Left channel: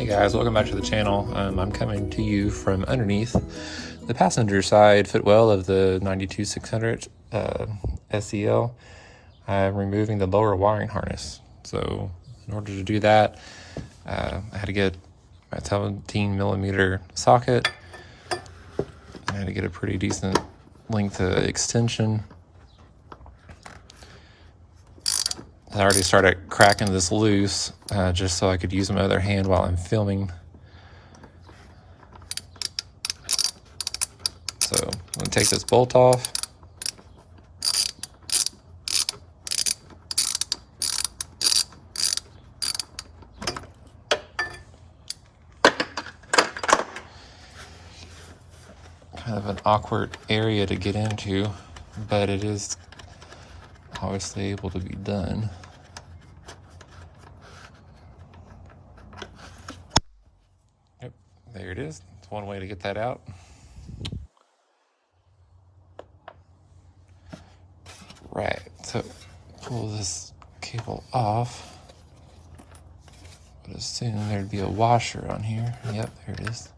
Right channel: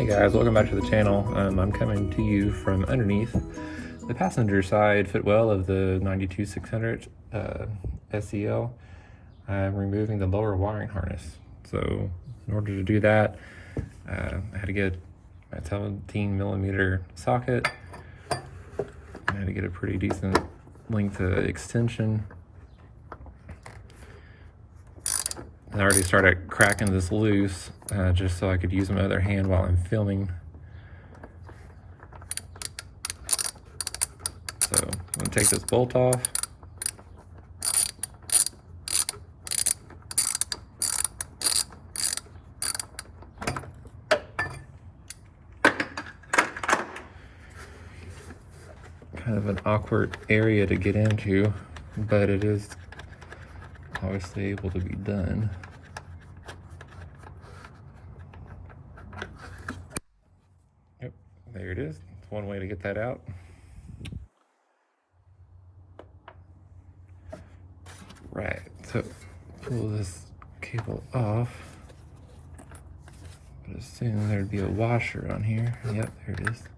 Hey guys, welcome back to the channel. I'm coming to you from underneath the passenger side footwell of the 92600 SEL. I'm removing the lower wiring harness. So in order to do that, I had to get a 17mm socket. I had to get a pretty decent length extension. I already started cracking this loose just so I could use my other hand while I'm filming. So I'm going to take this bolt off. Kind of an awkward area to get into, but it is obviously able to be done. Yep, there it is. It's one way to get that out. Right, so pull this cable off. I'd assume there'd be a washer on here. Yep, there it is.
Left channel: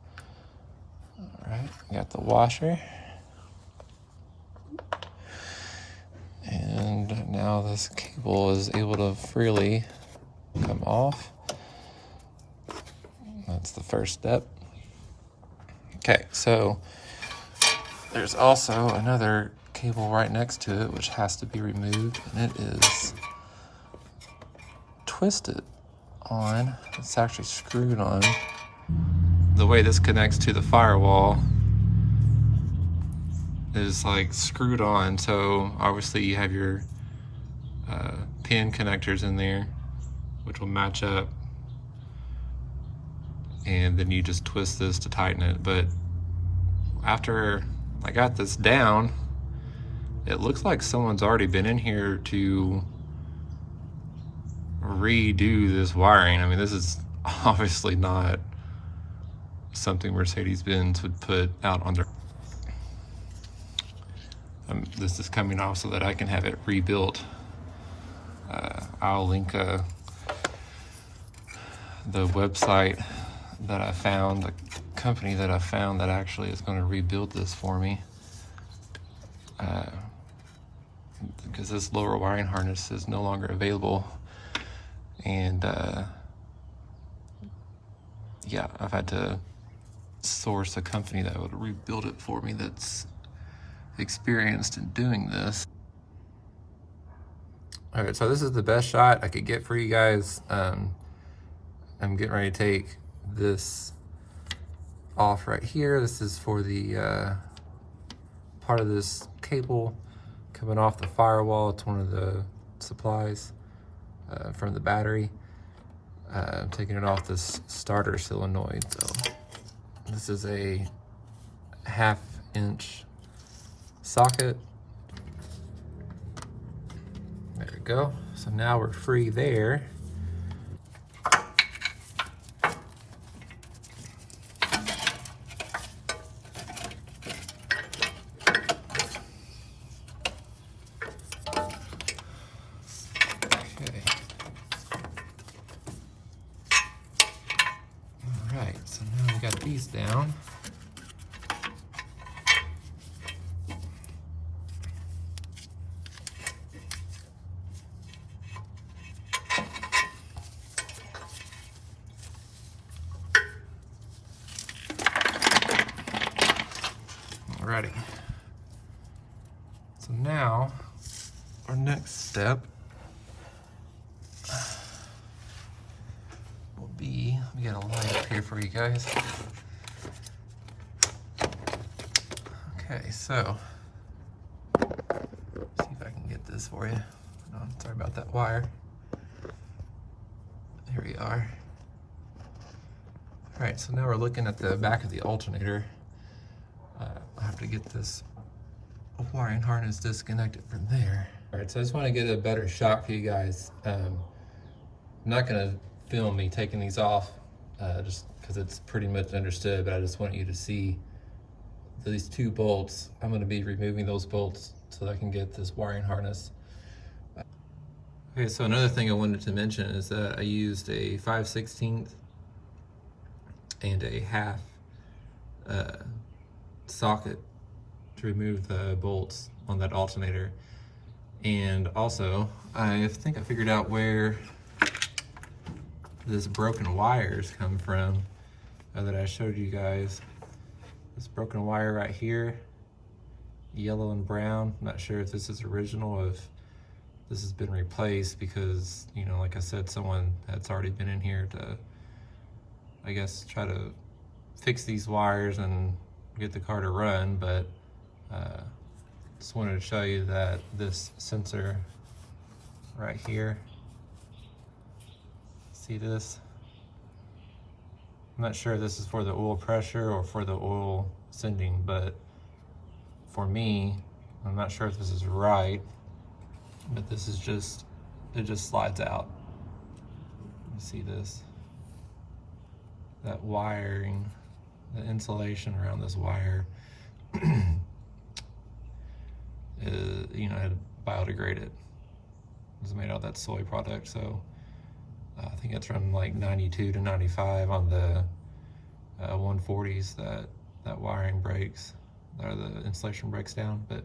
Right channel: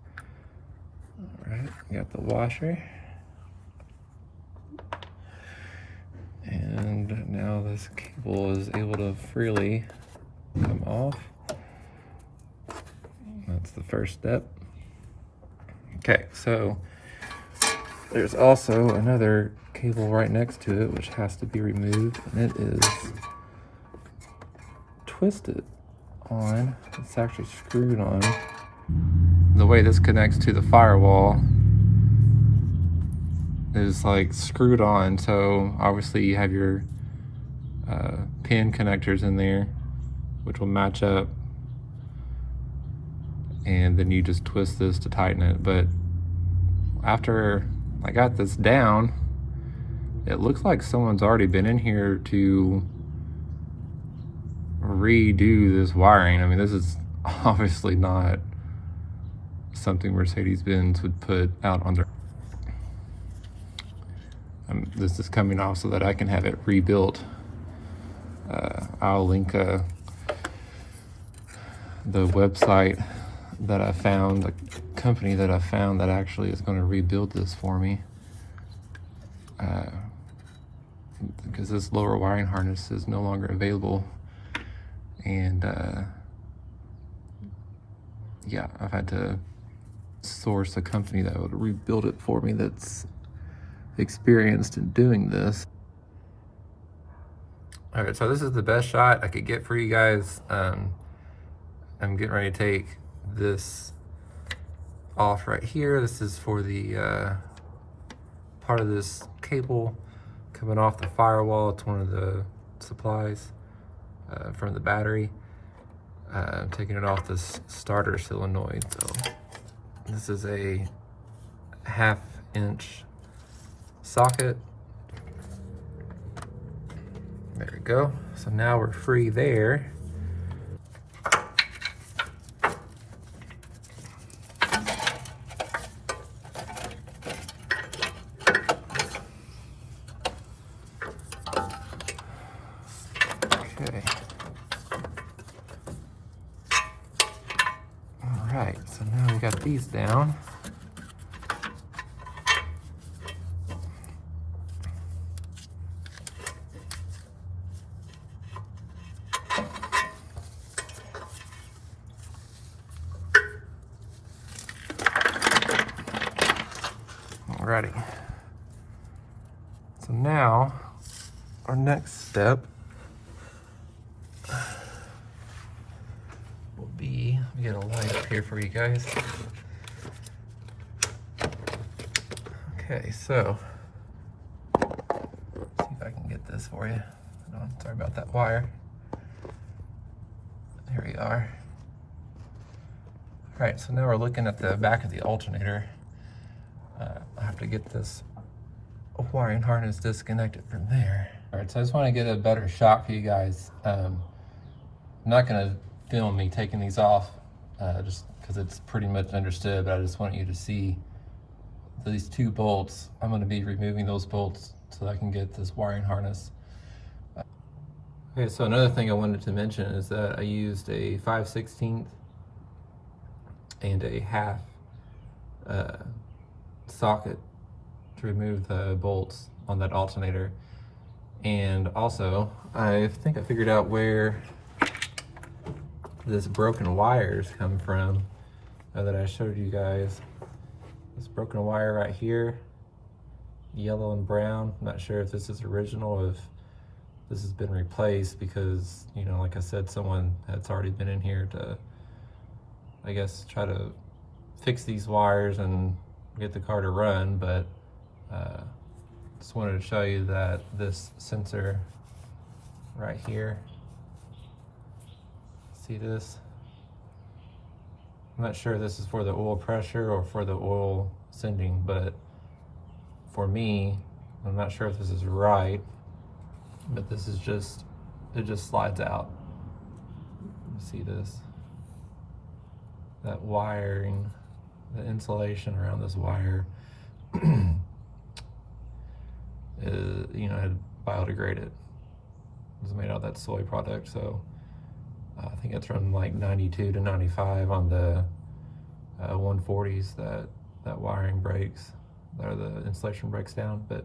All right, got the washer. And now this cable is able to freely come off. That's the first step. Okay, so there's also another cable right next to it which has to be removed, and it is twisted on. It's actually screwed on. The way this connects to the firewall is like screwed on, so obviously you have your pin connectors in there which will match up, and then you just twist this to tighten it. But after I got this down, it looks like someone's already been in here to redo this wiring. I mean, this is obviously not something Mercedes-Benz would put out on their... this is coming off so that I can have it rebuilt. I'll link the website that I found, the company that I found that actually is going to rebuild this for me. Because this lower wiring harness is no longer available. And yeah, I've had to source a company that would rebuild it for me that's experienced in doing this. All right, so this is the best shot I could get for you guys. I'm getting ready to take this off right here. This is for the part of this cable coming off the firewall. It's one of the supplies from the battery. I'm taking it off this starter solenoid. So this is a 1/2 inch socket. There we go. So now we're free there. Okay. All right, so now we got these down. Alrighty. So now our next step will be, let me get a light up here for you guys. Okay, so let's see if I can get this for you. Oh, sorry about that wire. Here we are. All right, so now we're looking at the back of the alternator. I have to get this wiring harness disconnected from there. All right, so I just want to get a better shot for you guys. I'm not going to film me taking these off just because it's pretty much understood, but I just want you to see these two bolts. I'm going to be removing those bolts so that I can get this wiring harness. Okay, so another thing I wanted to mention is that I used a 5/16 and a half socket to remove the bolts on that alternator. And also, I think I figured out where this broken wires come from that I showed you guys. This broken wire right here, yellow and brown. I'm not sure if this is original or if this has been replaced, because, you know, like I said, someone that's already been in here to, I guess, try to fix these wires and get the car to run. But just wanted to show you that this sensor right here, see this? I'm not sure if this is for the oil pressure or for the oil sending, but for me, I'm not sure if this is right, but this is just, it just slides out. You see this? That wiring, the insulation around this wire is, you know, had biodegraded. It's made out of that soy product, so I think it's from like 92 to 95 on the 140s that wiring breaks, or the insulation breaks down. But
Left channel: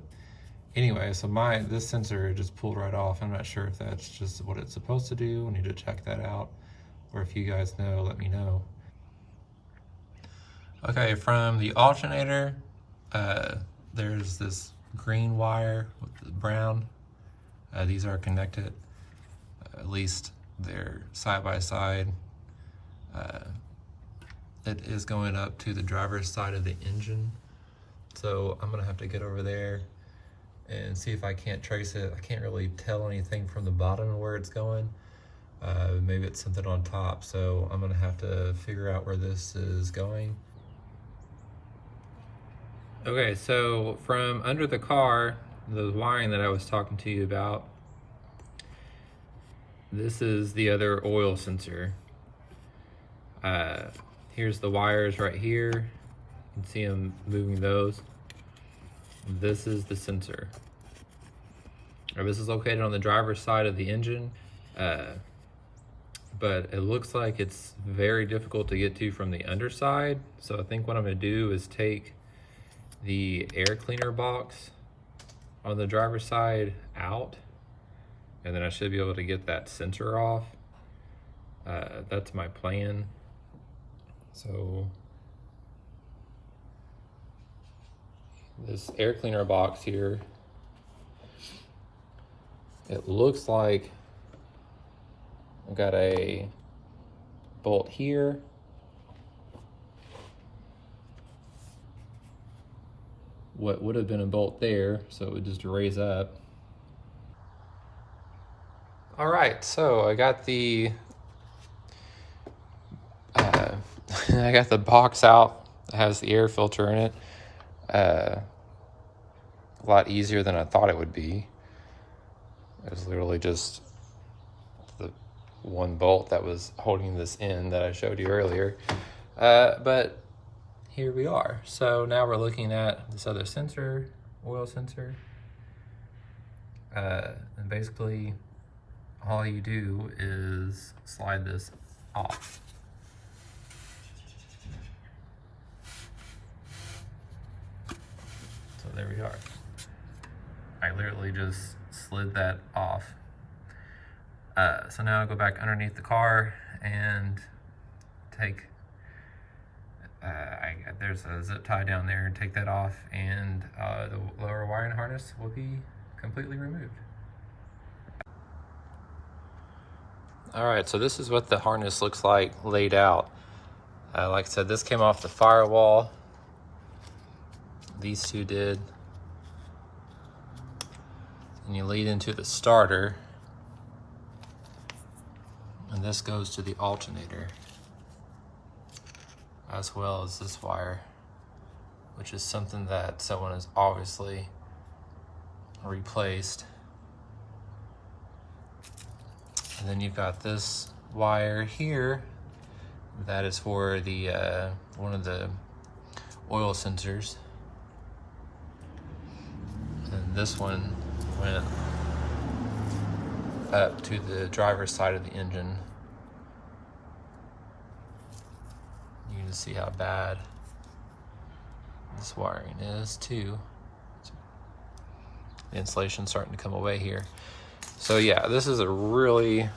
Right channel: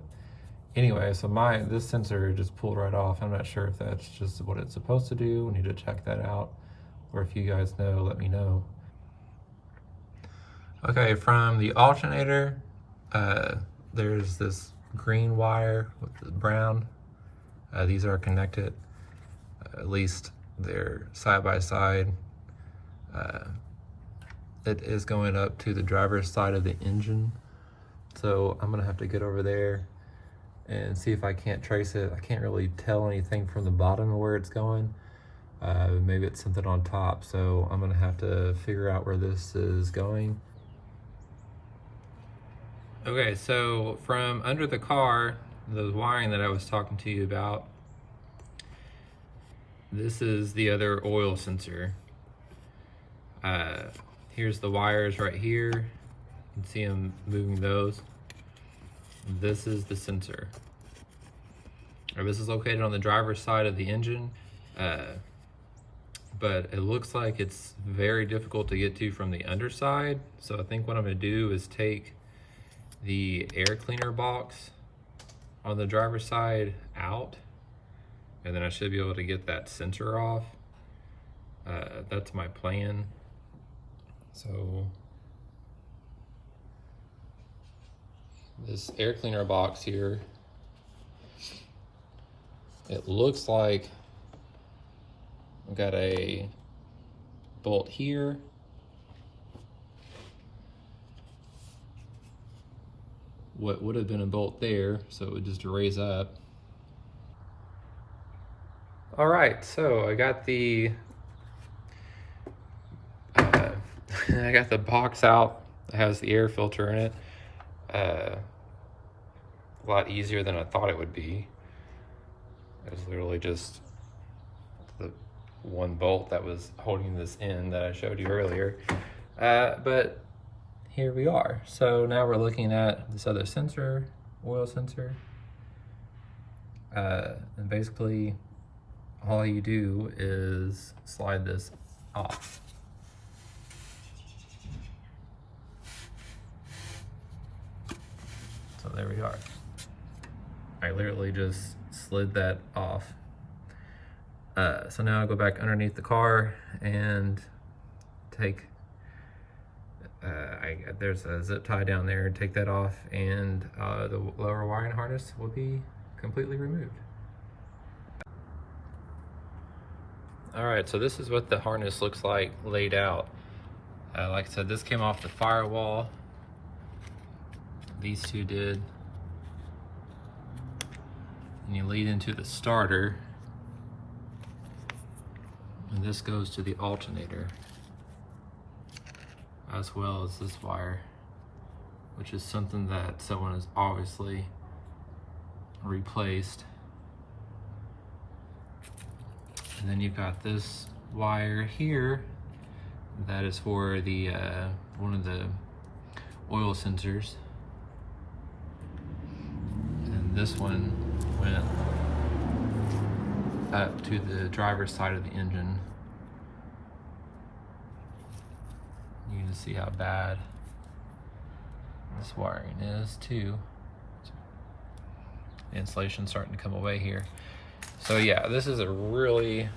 anyway, so this sensor just pulled right off. I'm not sure if that's just what it's supposed to do. We need to check that out, or if you guys know, let me know. Okay, from the alternator, there's this green wire with the brown. These are connected, at least they're side by side. It is going up to the driver's side of the engine. So I'm gonna have to get over there and see if I can't trace it. I can't really tell anything from the bottom of where it's going. Maybe it's something on top. So I'm gonna have to figure out where this is going. Okay, so from under the car, the wiring that I was talking to you about, this is the other oil sensor. Here's the wires right here. You can see them moving those. This is the sensor. This is located on the driver's side of the engine, but it looks like it's very difficult to get to from the underside. So I think what I'm gonna do is take the air cleaner box on the driver's side out, and then I should be able to get that sensor off. That's my plan. So this air cleaner box here, it looks like I've got a bolt here, what would have been a bolt there, so it would just raise up. All right, so I got the I got the box out. It has the air filter in it. A lot easier than I thought it would be. It was literally just the one bolt that was holding this in that I showed you earlier. But here we are. So now we're looking at this other sensor, oil sensor. And basically all you do is slide this off. So there we are. I literally just slid that off. So now I'll go back underneath the car and take, there's a zip tie down there, take that off, and the lower wiring harness will be completely removed. All right, so this is what the harness looks like laid out. Like I said, this came off the Firewall. These two did. And you lead into the starter. And this goes to the alternator, as well as this wire, which is something that someone has obviously replaced. And then you've got this wire here that is for the one of the oil sensors. And this one went up to the driver's side of the engine. You can see how bad this wiring is too. The insulation's starting to come away here. So yeah, this is a really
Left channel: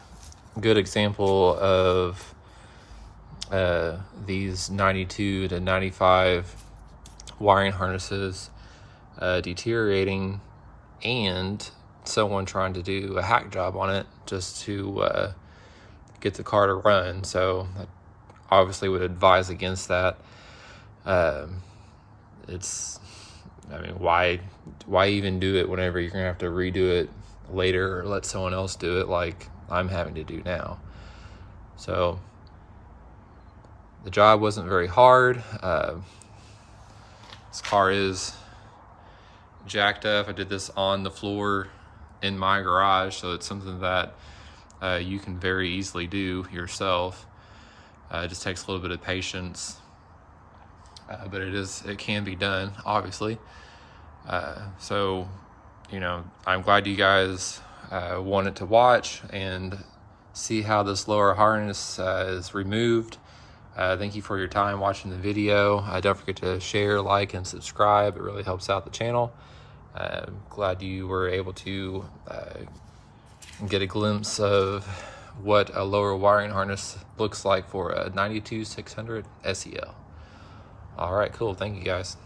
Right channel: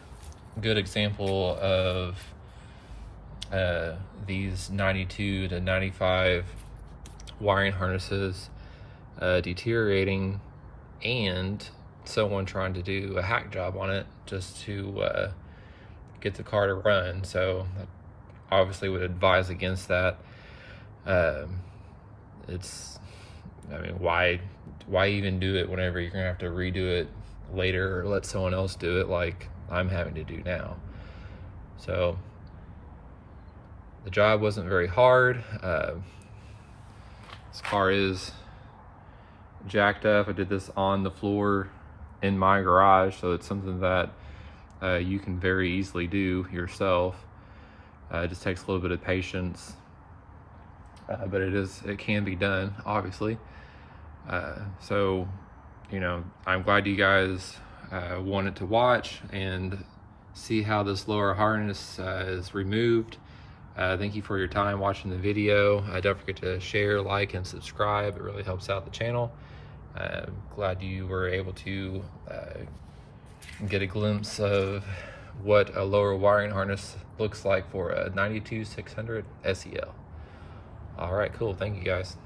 good example of these 92 to 95 wiring harnesses deteriorating, and someone trying to do a hack job on it just to get the car to run. So I obviously would advise against that. I mean, why even do it whenever you're gonna have to redo it later or let someone else do it like I'm having to do now? So the job wasn't very hard. This car is jacked up. I did this on the floor in my garage, so it's something that you can very easily do yourself. It just takes a little bit of patience, but it can be done, obviously. So, you know, I'm glad you guys wanted to watch and see how this lower harness is removed. Thank you for your time watching the video. Don't forget to share, like, and subscribe. It really helps out the channel. Glad you were able to get a glimpse of what a lower wiring harness looks like for a 92 600 SEL. All right, cool. Thank you guys.